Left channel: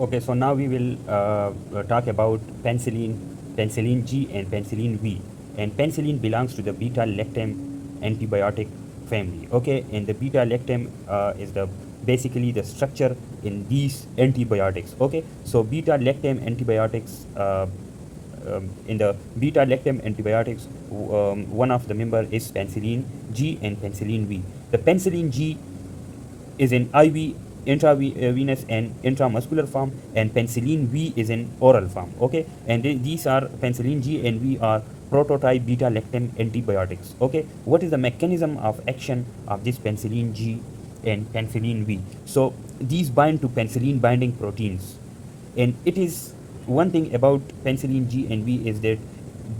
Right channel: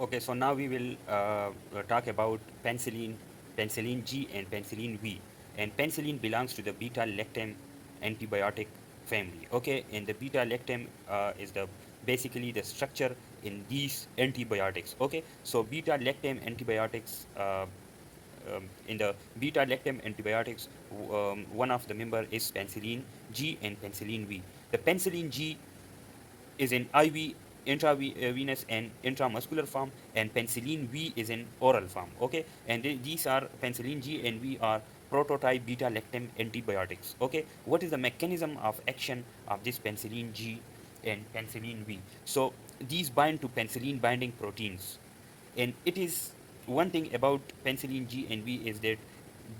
Okay, so now we will talk about penicillin G and penicillin V. And penicillin belongs to the beta-lactam antibiotic family. Okay, and the beta-lactam is the basically the structure in these antibiotics. Okay, so beta-lactam antibiotics in the beta-lactam antibiotics, one of the member is penicillin G and penicillin V. The penicillin G is in IV, intravenous and intramuscular form, and penicillin V is in oral form. Okay, and these are penicillin G and V are prototype beta lactam antibiotics. Okay, what is the mechanism of action of this penicillin G and penicillin V? So these bind to penicillin binding proteins, and it is one thing about penicillin G and V is that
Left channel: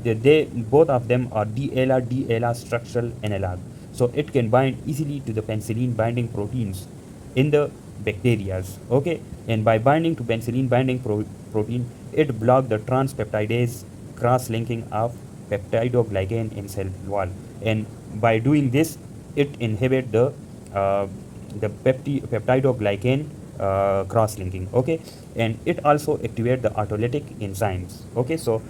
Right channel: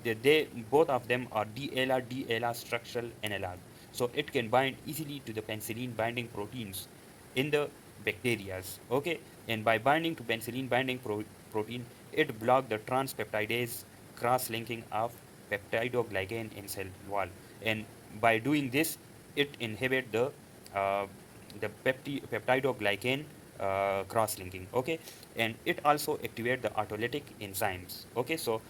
they both of them are DLR structural analog, so it can bind easily to the penicillin binding proteins in the bacterias. Okay, and by binding to penicillin binding protein, it block the transpeptidase cross-linking of peptidoglycan in cell wall, and by doing this, it inhibit uh, the peptidoglycan cross-linking. Okay, and it also activate the autolytic enzymes. Okay, so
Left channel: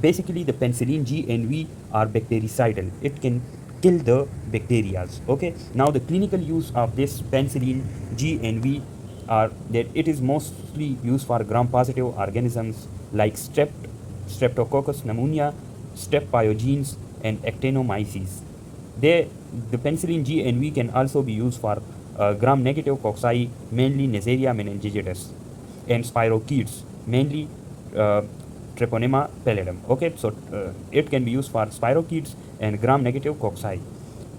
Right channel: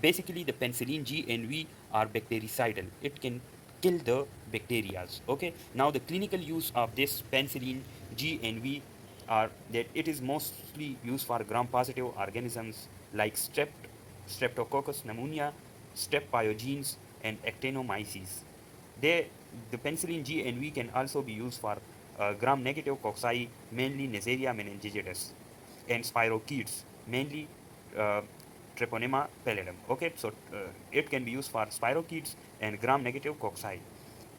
basically the penicillin G and V are bactericidal. It can kill the bacteria. Okay, now the clinical use of this penicillin G and V are that it is mostly used for gram-positive organisms like streptococcus pneumonia, strep pyogenes, and actinomyces. The penicillin G and V can also be used for gram-negative cocci, mainly Neisseria meningitis, and spirochetes, mainly uh, Treponema pallidum. Okay, so it can be used for spirochetes and gram-negative cocci.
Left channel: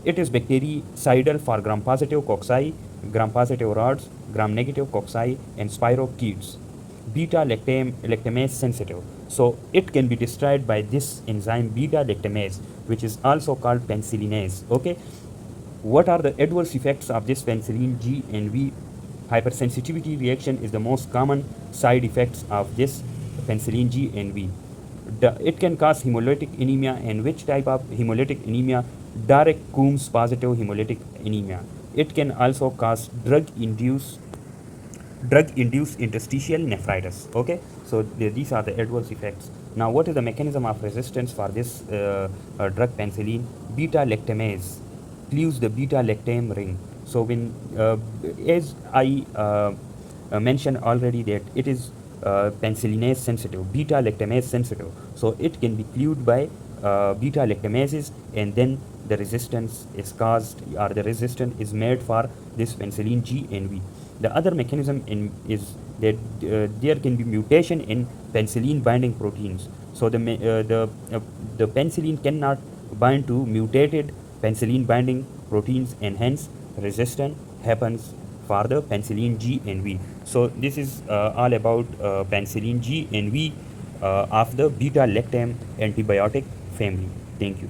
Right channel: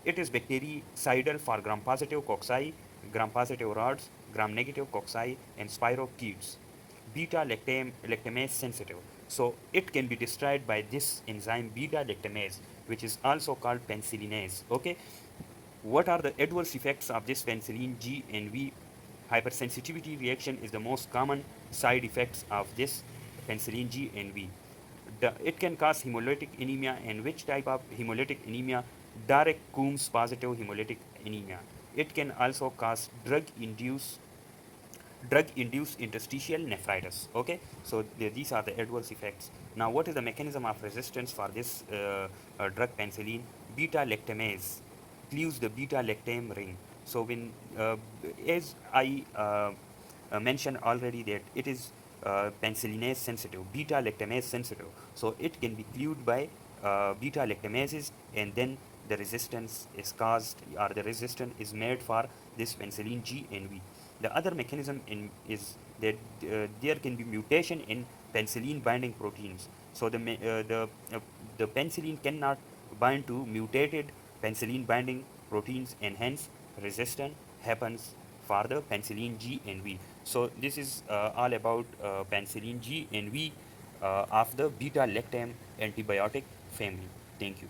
It is bactericidal for gram-positive cocci, gram-positive rods, gram-negative cocci, and spirochetes. Beta-lactamase sensitive. So it can be destroyed by this enzyme beta-lactamase, which is also called penicillinase. Okay, what are the adverse effects of this penicillin G and V? Hypersensitivity reaction is the most common side effects of this penicillin G and V. It can cause hemolytic anemia, and which type of hemolytic anemia? Direct Coombs positive hemolytic anemia. It can also cause drug-induced interstitial nephritis. Okay, so these are the adverse effects. Now, what is the mechanism of resistance for this drug penicillin? Beta-lactamase cleaves the beta-lactam ring. So when, as I mentioned already, that it is penicillinase sensitive, beta-lactamase sensitive. So it can be cleaved by beta-lactamases, and then the resistance is caused, or the resistance is made for this penicillin G and V. The other mechanism is that there can be mutation in penicillin binding proteins. So the penicillin cannot bind to mutated penicillin binding proteins, and hence resistance happens for the penicillin G and V. So this is all about penicillin G and V of the beta lactam antibiotic family. Thank you.